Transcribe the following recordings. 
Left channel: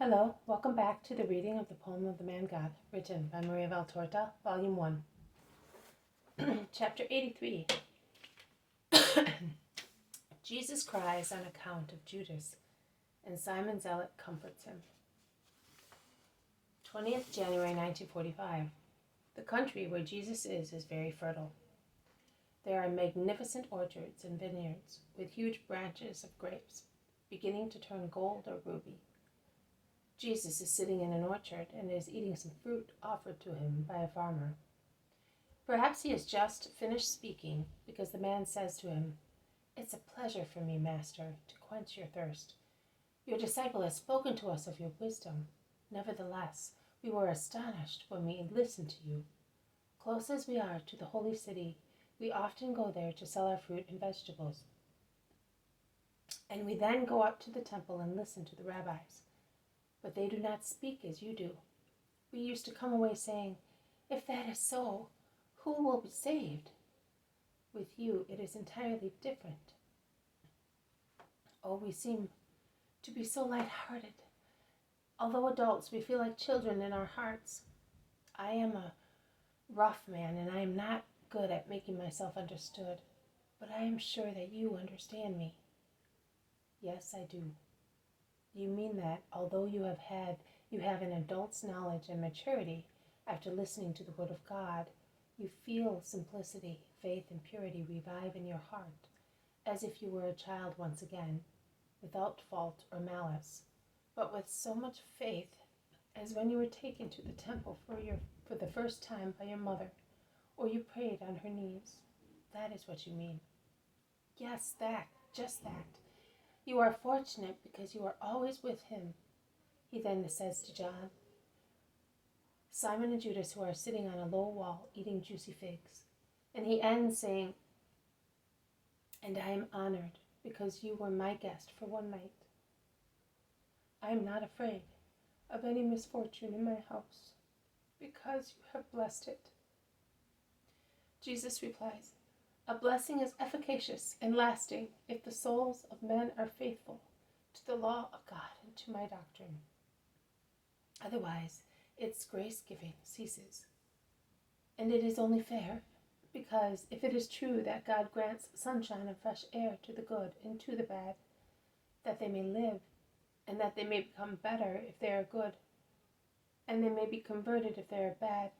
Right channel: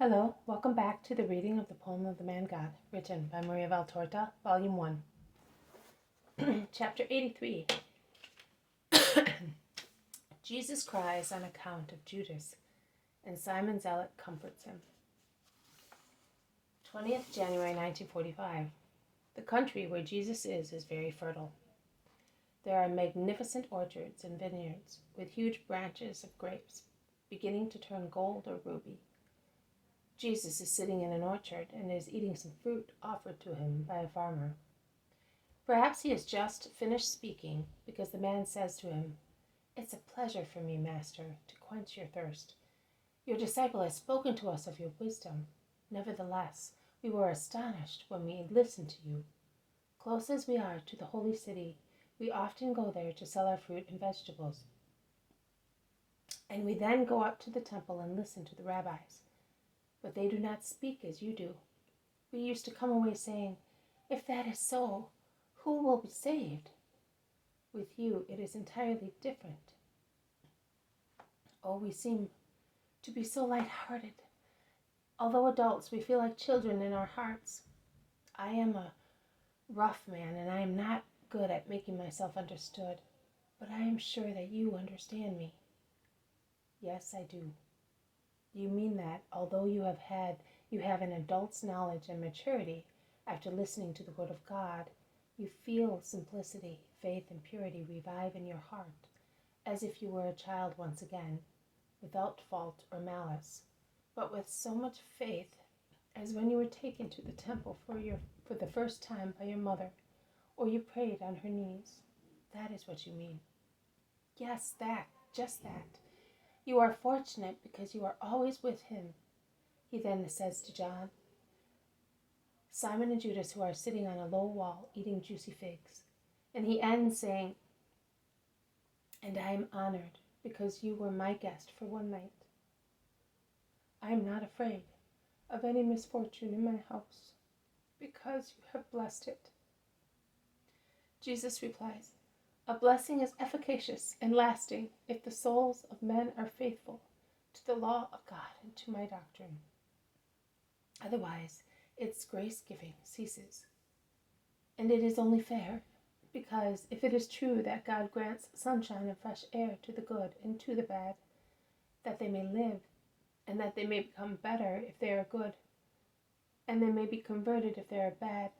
Hello, welcome back to the reading of the poem of the Man God, written by Maria Valtorta, Volume 1. Chapter 83. Jesus cries on account of Judas, and Simon Zealot comforts him. 20th January 1945. The country where Jesus is very fertile. There are magnificent orchards and vineyards with huge branches of grapes, beginning to turn gold or ruby. Jesus is sitting in an orchard and is eating some fruit offered to him by a farmer. Perhaps he has just finished speaking because the man says to him, "It's a pleasure for me, Master, to quench your thirst. Your disciple has spoken to us of your wisdom. Nevertheless, we were astonished when we listened to you. Close as we are to the holy city, we often go there to sell our fruit and vegetables. And we then go up to the temple and listen to the rabbis. But they do not speak as you do. We used to come away saying, 'If that is so, who will be saved?' With you, it is entirely different. Oh, we seem to be so light-hearted. Although adults, we feel like children in our hearts. I am a rough man, and I am not good at making myself understood, but I am sure that you understand me." "Yes, I do." "You mean that, although you have an adult's knowledge and maturity after listening to the Word of God, you feel simplicity, faith, and purity revive in your heart, as if you were a child once again, without fault or malice, but with so much faith as when you were taken to the temple for the first time by your mother, or you prayed on her knees. That is what you mean." "Yes, just that. You are fortunate because you are always with him." He then says to John, Simon and Judas, who are sitting on a low wall eating juicy figs. And he ends saying, "And I am honored because you were my guest for one night. I am not afraid of any misfortune in my house because you have blessed it." Jesus replies, "A blessing is efficacious and lasting if the souls of men are faithful to the law of God and to my doctrine. Otherwise, its grace-giving ceases. And it is only fair, because if it is true that God grants sunshine and fresh air to the good and to the bad, that they may live, and that they may become better if they are good, and they may be converted if they are bad,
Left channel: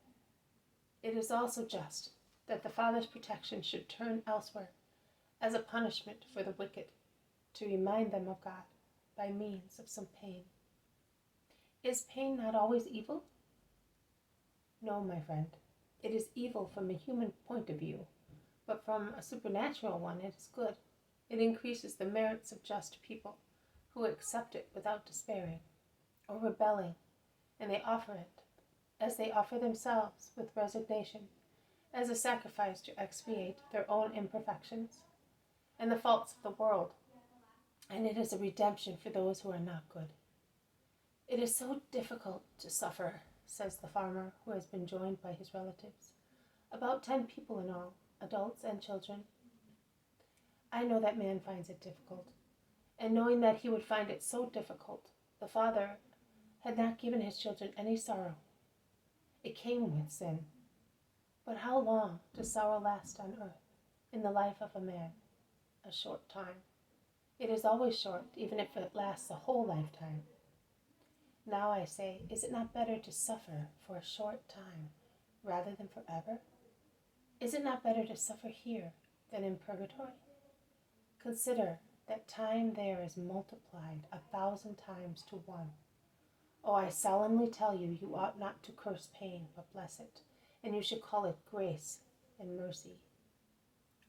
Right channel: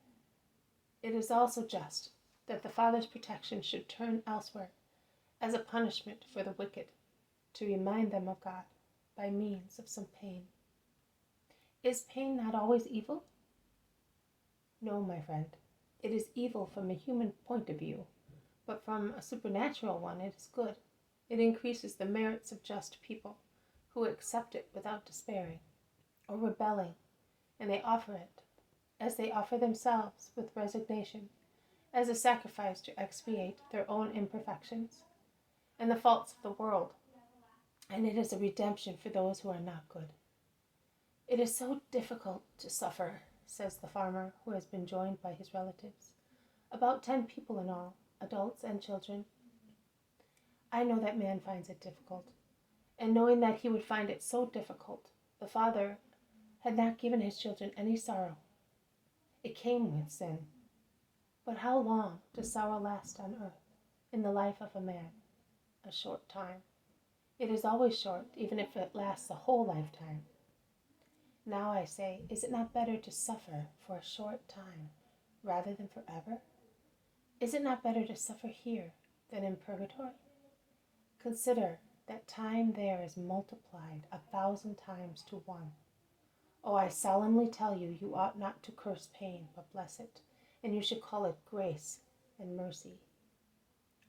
it is also just that the Father's protection should turn elsewhere as a punishment for the wicked, to remind them of God by means of some pain. Is pain not always evil? No, my friend. It is evil from a human point of view, but from a supernatural one it is good. It increases the merits of just people who accept it without despairing or rebelling, and they offer it, as they offer themselves, with resignation, as a sacrifice to expiate their own imperfections and the faults of the world, and it is a redemption for those who are not good. It is so difficult to suffer," says the farmer, who has been joined by his relatives, about 10 people in all, adults and children. "I know that man finds it difficult, and knowing that he would find it so difficult, the Father had not given his children any sorrow. It came with sin. But how long does sorrow last on earth, in the life of a man? A short time. It is always short, even if it lasts a whole lifetime. Now I say, is it not better to suffer for a short time rather than forever? Is it not better to suffer here than in purgatory? Consider that time there is multiplied 1,000 times to 1. Oh, I solemnly tell you, you ought not to curse pain, but bless it, and you should call it grace and mercy."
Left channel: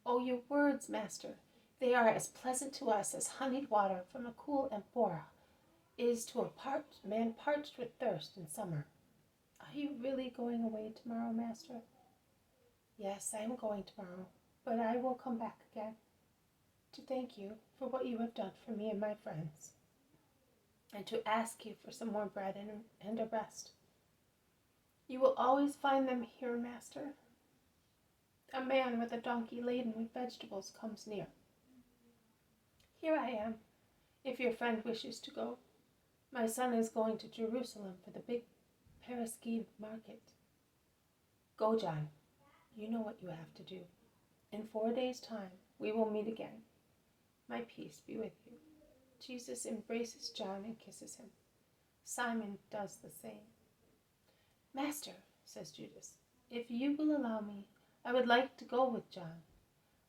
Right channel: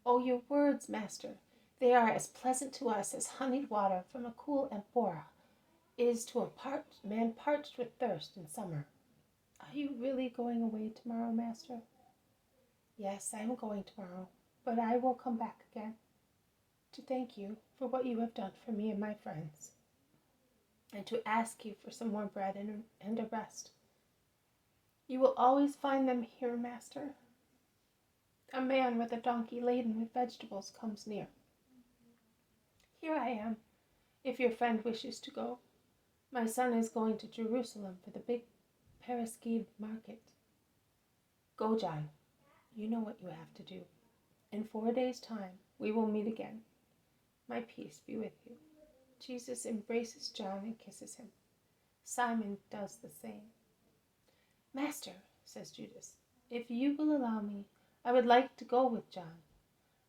"Oh, your words, Master, they are as pleasant to us as honeyed water from a cool amphora is to a man parched with thirst in summer. Are you really going away tomorrow, Master?" "Yes, I am going tomorrow, but I will come back again to thank you for what you have done for me and my friends, and to ask you for some more bread and a rest. You will always find them here, Master. A man with a donkey laden with vegetables comes near. Here I am, if your friend wishes to go. My son is going to Jerusalem for the big Paraskeve market. Go, John. You know what you have to do. In 4 days' time, we will meet again. My peace be with you." Jesus embraces John and kisses him. Simon does the same. "Master," says Judas, "if you will allow me, I would like to go with John.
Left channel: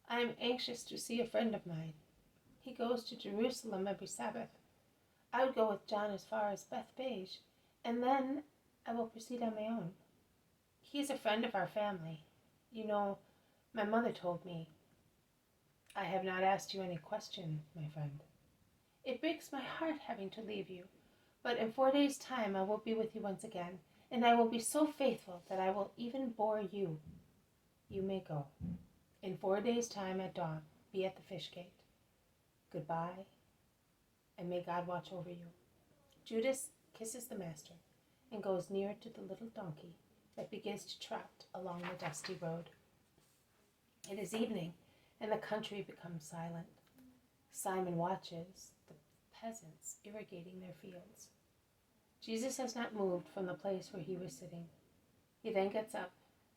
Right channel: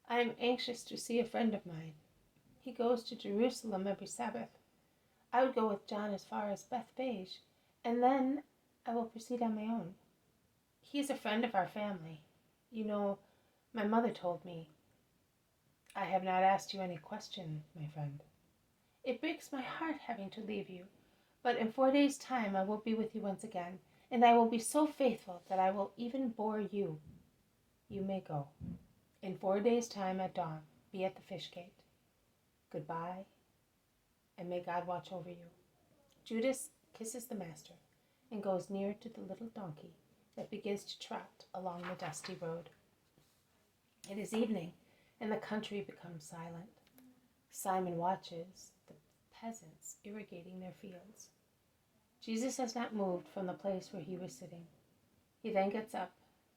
I am anxious to see a friend of mine. He goes to Jerusalem every Sabbath. I would go with John as far as Bethphage, and then I will proceed on my own. He is a friend of our family. You know, my mother told me. I have not asked you any question, my friend. It breaks my heart having to leave you, but in 4 days' time I will be with you once again, and I will be so faithful that I will even bore you. You may go. In 4 days' time at dawn, be at the fish gate. Goodbye, and may God watch over you." Judas kisses the master and goes near to the little donkey that begins to trot along the dusty road. It is evening, and the country becomes silent. Simon watches the peasants irrigating their fields. Jesus has not moved from the place where he was sitting. He then gets up,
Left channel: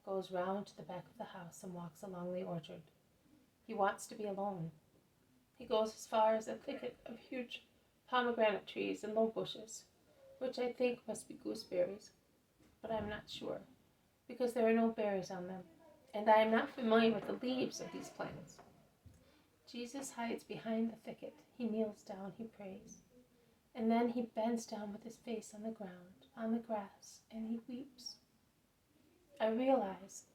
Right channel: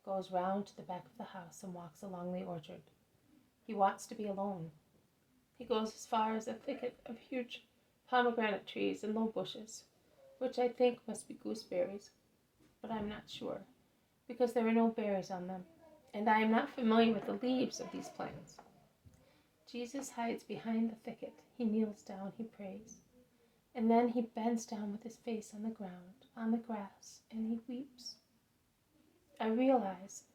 goes round to the back of the house, and walks along the orchard. He wants to be alone. He goes as far as a thicket of huge pomegranate trees and low bushes, which I think must be gooseberries, but I am not sure, because there are no berries on them, and I am not familiar with the leaves of these plants. Jesus hides behind the thicket. He kneels down, he prays, and then he bends down with his face on the ground, on the grass, and he weeps. I realize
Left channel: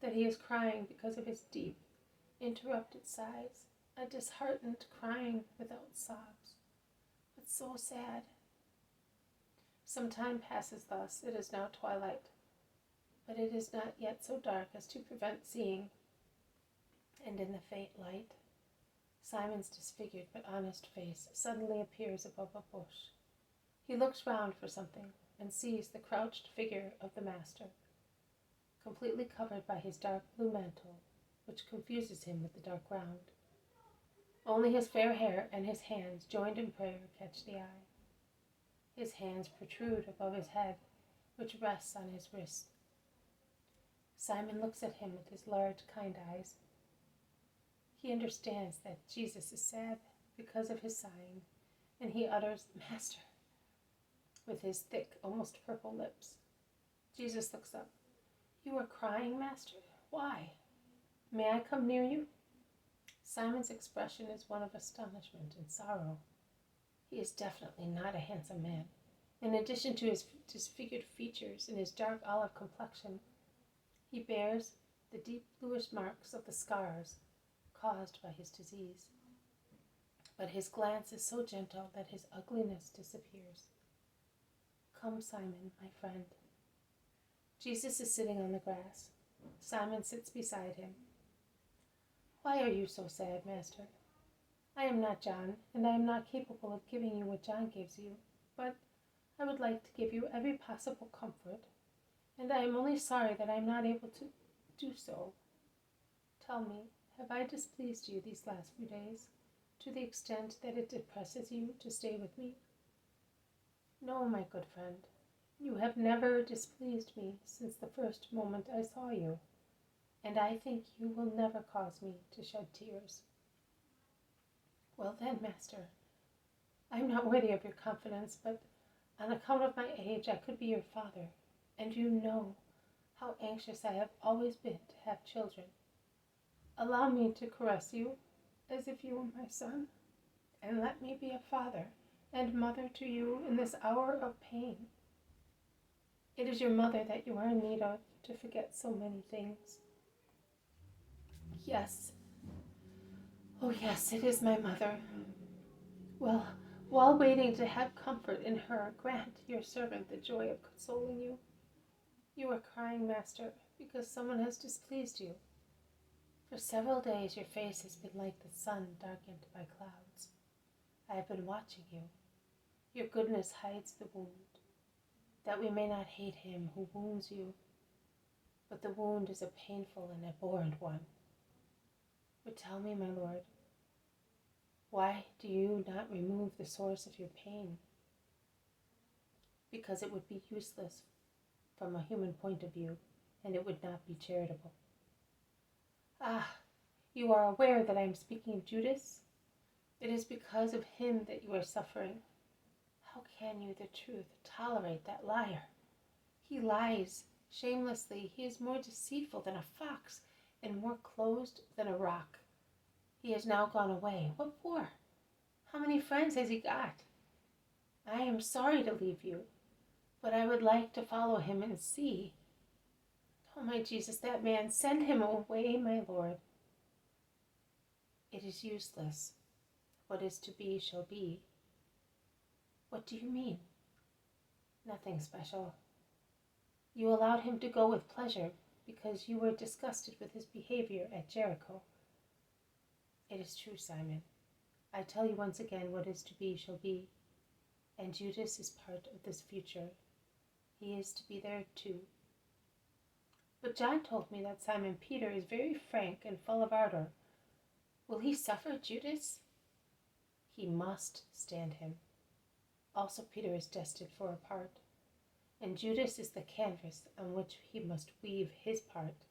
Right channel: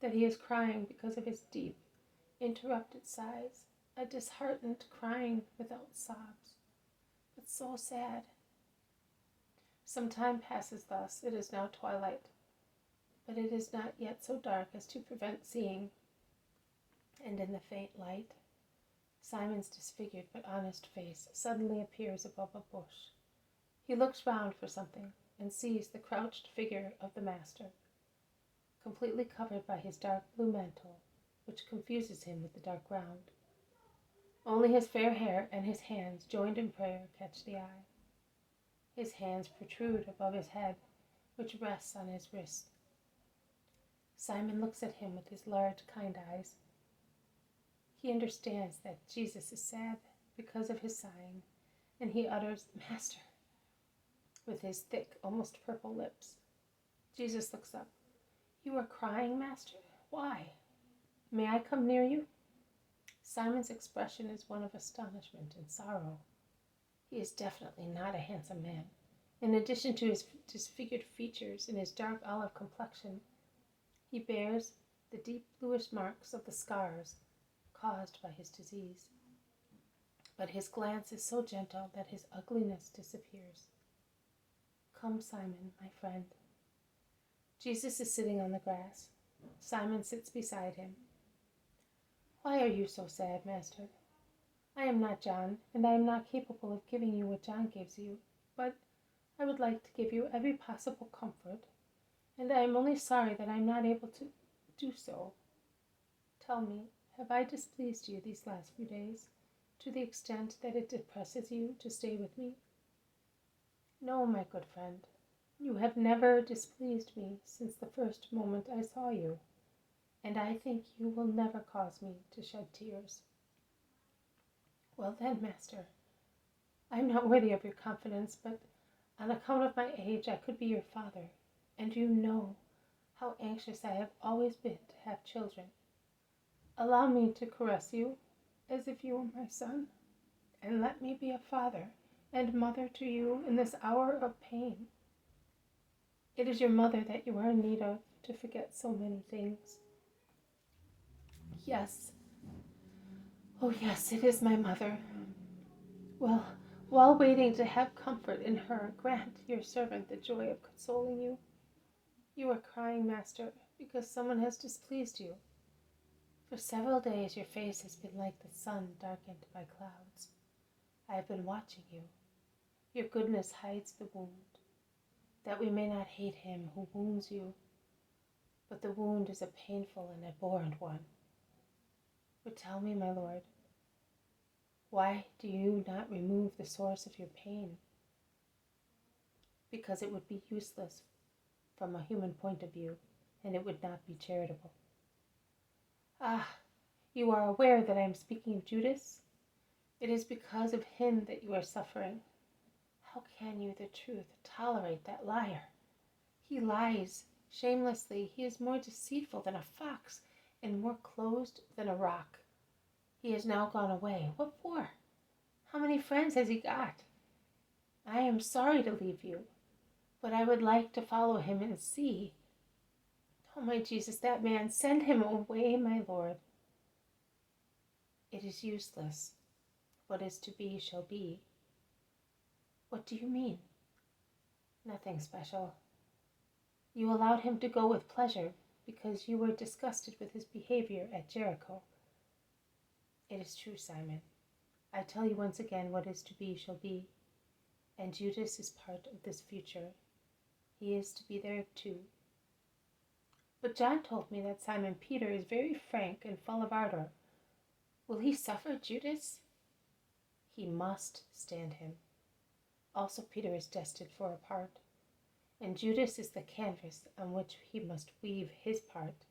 that he is crying because of his deep, interrupted sighs, a disheartened crying without sobs, but so sad. Some time passes thus. It is now twilight, but it is not yet so dark as to prevent seeing, and in the faint light, Simon's disfigured but honest face suddenly appears above a bush. He looks round for something and sees the crouched figure of the master, completely covered by his dark blue mantle, which confuses him with the dark ground. Only his fair hair and his hands, joined in prayer, catch the eye. His hands protrude above his head, which rests on his wrist. Simon looks at him with his large, kind eyes. He understands that Jesus is sad because of his sighing, and he utters, "Master," with his thick, almost purple lips. Jesus looks up. "You are crying, Master? Why? May I come near you?" Simon's expression is one of astonishment and sorrow. He is definitely not a handsome man. In addition to his disfigured features and his dark olive complexion, he bears the deep bluish marks of the scars caused by his disease. But his glance is so gentle that his ugliness disappears. "Come, Simon, my friend." Jesus is sitting on the grass. Simon sits beside him. "Why are you so sad, Master?" "I am not John, and I am not capable of giving you what John gives you, but I would like to give you every possible comfort, and I am only sorry that I am not able to do so. Tell me, have I displeased you these last few days, to the extent that it depresses you to stay with me?" "No, my good friend, you have never displeased me since the first moment I saw you, and I think you will never cause me to shed tears." "Well then, Master, I am not worthy of your confidence, but on account of my age I could be your father, and you know how anxious I have always been to have children. Allow me to caress you as if you were my son, and let me be a father and mother to you in this hour of pain. It is your mother that you are in need of to forget so many things." "Yes, oh yes, it is my mother. Well, while waiting to have comfort in her, grant your servant the joy of consoling you. You are crying, Master, because someone has displeased you. For several days your face has been like the sun darkened by clouds. I have been watching you. Your goodness hides the wound, that we may not hate him who wounds you. But the wound is a painful and abhorrent one. But tell me, my Lord, why do you not remove the source of your pain? because it would be useless from a human point of view, and it would not be charitable. Ah, you are aware that I am speaking of Judas? It is because of him that you are suffering. How can you, the truth, tolerate that liar? He lies shamelessly. He is more deceitful than a fox and more closed than a rock. He has now gone away. What for? How many friends has he got? I am sorry to leave you, but I would like to follow him and see. Oh, my Jesus, that man, send him away, my Lord. It is useless. What is to be shall be. What do you mean? Nothing special. You allowed him to go with pleasure because you were disgusted with his behavior at Jericho. It is true, Simon. I tell you once again, what is to be shall be, and Judas is part of this future. He is to be there too. But John told me that Simon Peter is very frank and full of ardor. Will he suffer Judas? He must stand him. Also Peter is destined for a part, and Judas is the canvas on which he must weave his part.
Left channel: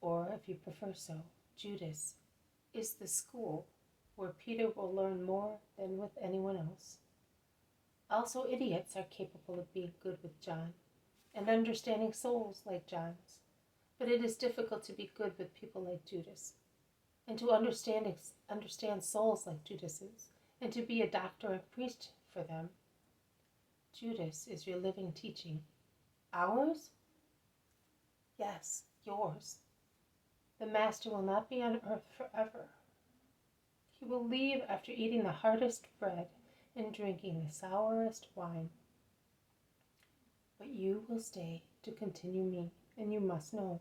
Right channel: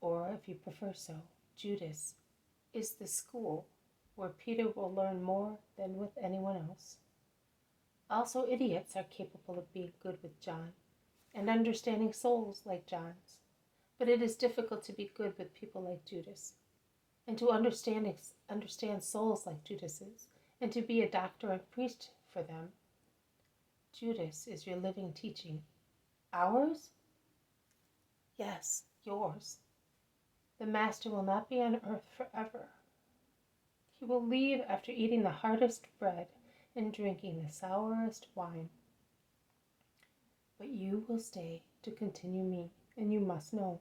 Or, if you prefer so, Judas is the school where Peter will learn more than with anyone else. Also, idiots are capable of being good with John and understanding souls like John's, but it is difficult to be good with people like Judas, and to understand souls like Judas's, and to be a doctor and priest for them. Judas is your living teaching. Ours? Yes, yours. The Master will not be on earth forever. He will leave after eating the hardest bread and drinking the sourest wine. But you will stay to continue me, and you must know,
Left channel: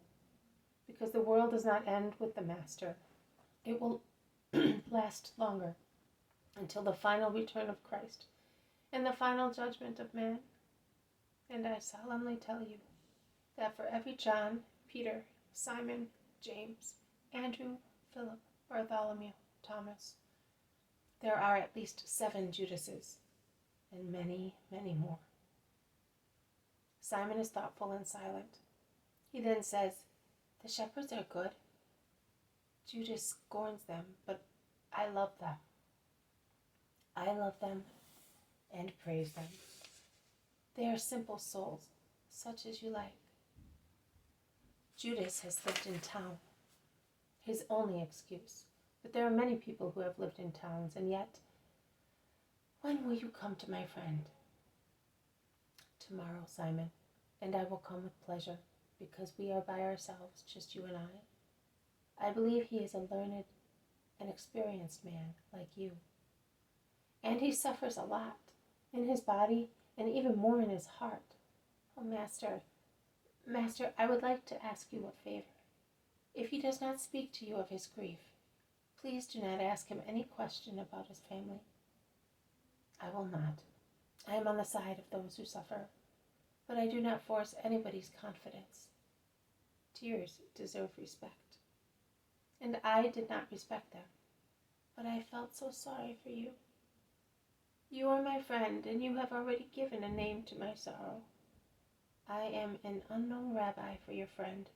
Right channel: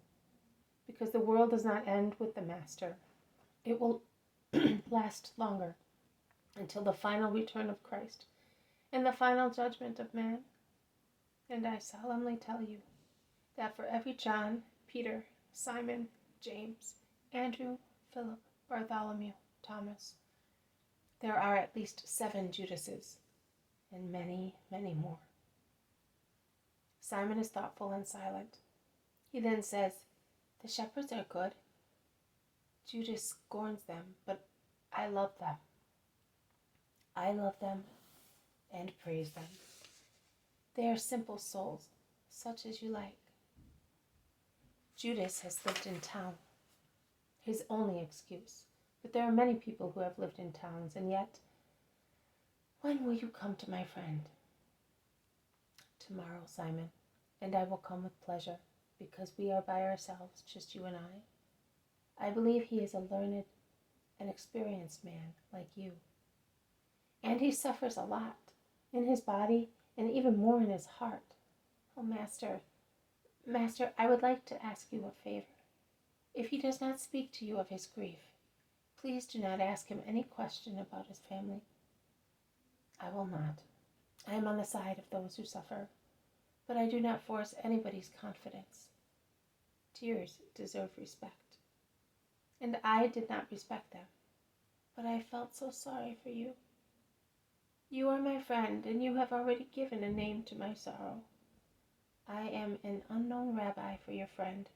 because the world does not end with the Master. It will last longer, until the final return of Christ and the final judgment of man. And I solemnly tell you that for every John, Peter, Simon, James, Andrew, Philip, Bartholomew, Thomas, there are at least 7 Judases, and many, many more. Simon is thoughtful and silent. He then says, the shepherds are good. Judas scorns them, but I love them. I love them and praise them. They are simple souls, such as you like. Judas has lived in town, his only excuse. But there are many people who have lived in towns, and yet, when will you come to my friend? Tomorrow, Simon, and I will come with pleasure, because we are by ourselves, just you and I believe he is a learned and experienced man like you. And he suffers a lot, in his body, and even more in his heart. Oh, Master, I would like to ask you a favor. If he does not speak to you of his grief, please do not ask him any question about his family. I will not. I am on the side of those who suffer, but I do not force anybody's confidence. Tears deserve respect, and I did not respect them, but I felt so sorry for you. You are my friend, and you have already given a name to my sorrow. I am an unknown rabbi for your friend.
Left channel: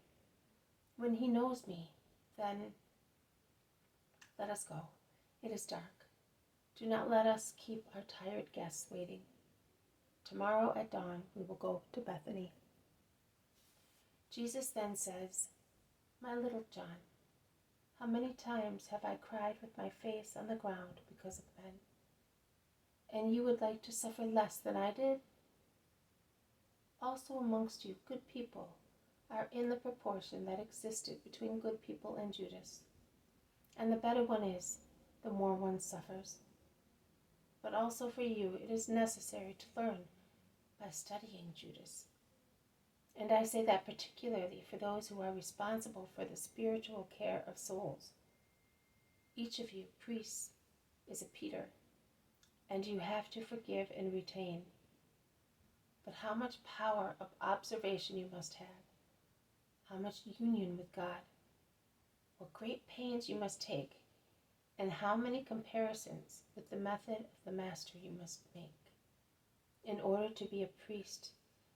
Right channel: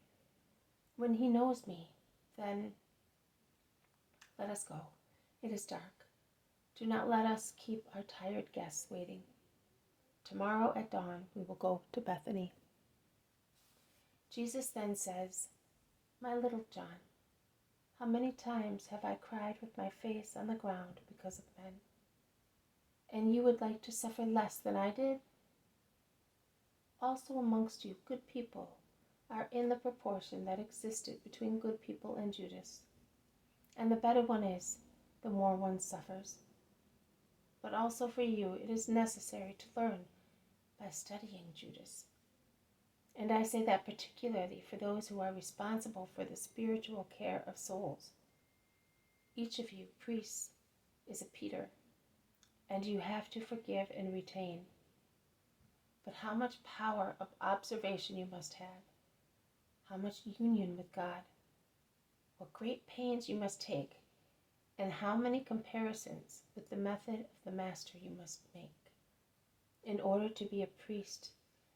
When he knows me, then let us go. It is dark. Do not let us keep our tired guests waiting. Tomorrow at dawn we will go to Bethany. Jesus then says, my little John, how many times have I cried with my face on the ground because of men? And you would like to suffer less than I did? Also amongst you, good people are in the proportion that existed between good people and Judas. And the better one is, the more one suffers. But also for you, it is necessary to learn by studying Judas. And I say that particularly for those who are responsible for the spiritual care of souls. Each of you, priests, is a Peter, and you have to forgive and retain. But how much power of observation you must have, how much union with God, what great pains you must take, and how many comparisons with the method of the Master you must make. in order to be a priest,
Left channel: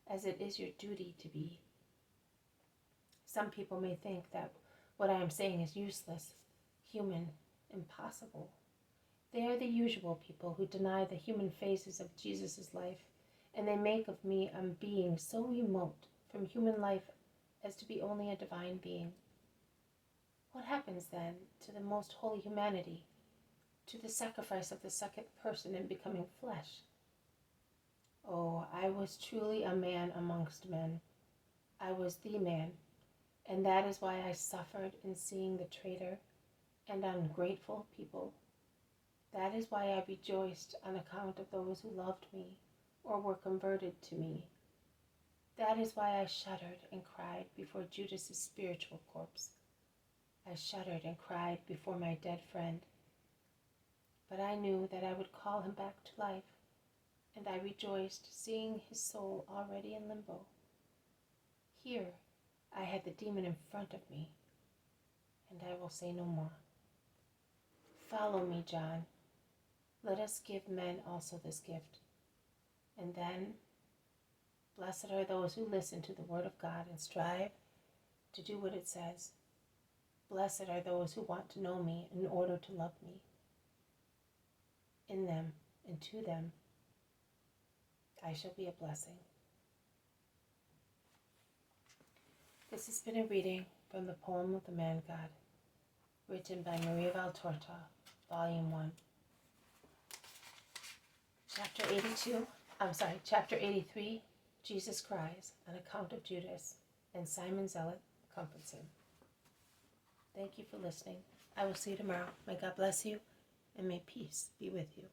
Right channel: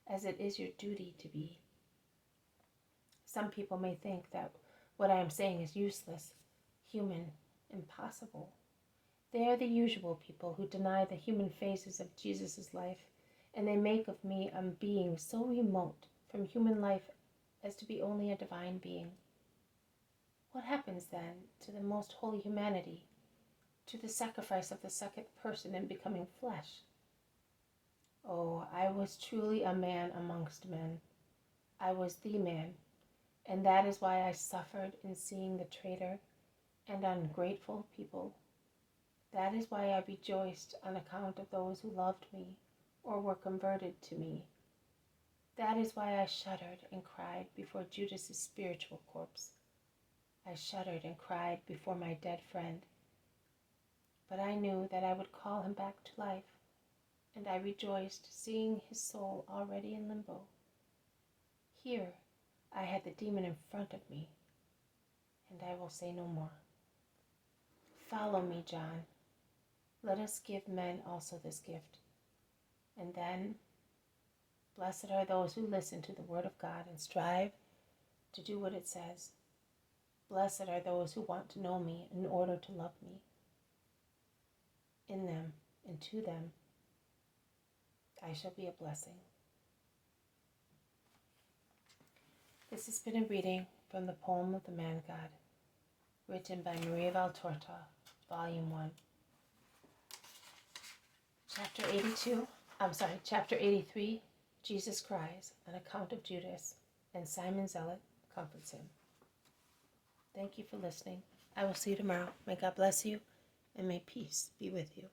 as it is your duty to be. Some people may think that what I am saying is useless, human, impossible. They are the usual people who deny the human phases of Jesus' life, and they make of me a being so remote from human life as to be only a divine being. What happens then to the most holy humanity, to the sacrifice of the second person in becoming flesh? Oh, I was truly a man amongst men. I was the man, and that is why I suffered in seeing the traitor and ungrateful people. That is why I rejoiced on account of those who loved me or were converted to me. That is why I shuddered and cried before Judas' spiritual corpse. I shuddered and cried before my dead friend. But I knew that I would call him back to life, and I rejoiced seeing his soul already in limbo. Here I had the demon in front of me, and I will say no more. Follow me, John. Let us give men also this gift. And then, blessed are those who listen to the word of God and strive to do what it says. Blessed are those who want to know me in order to love me. In them and to them, I shall be a blessing. This has been a reading from the poem of the Man God, written by Maria Valtorta, Volume 1. Chapter 83, Jesus cries, an account of Judas, and Simon Zealot comforts him. Thank you for listening. I will see you tomorrow. May God bless you, and may peace be with you.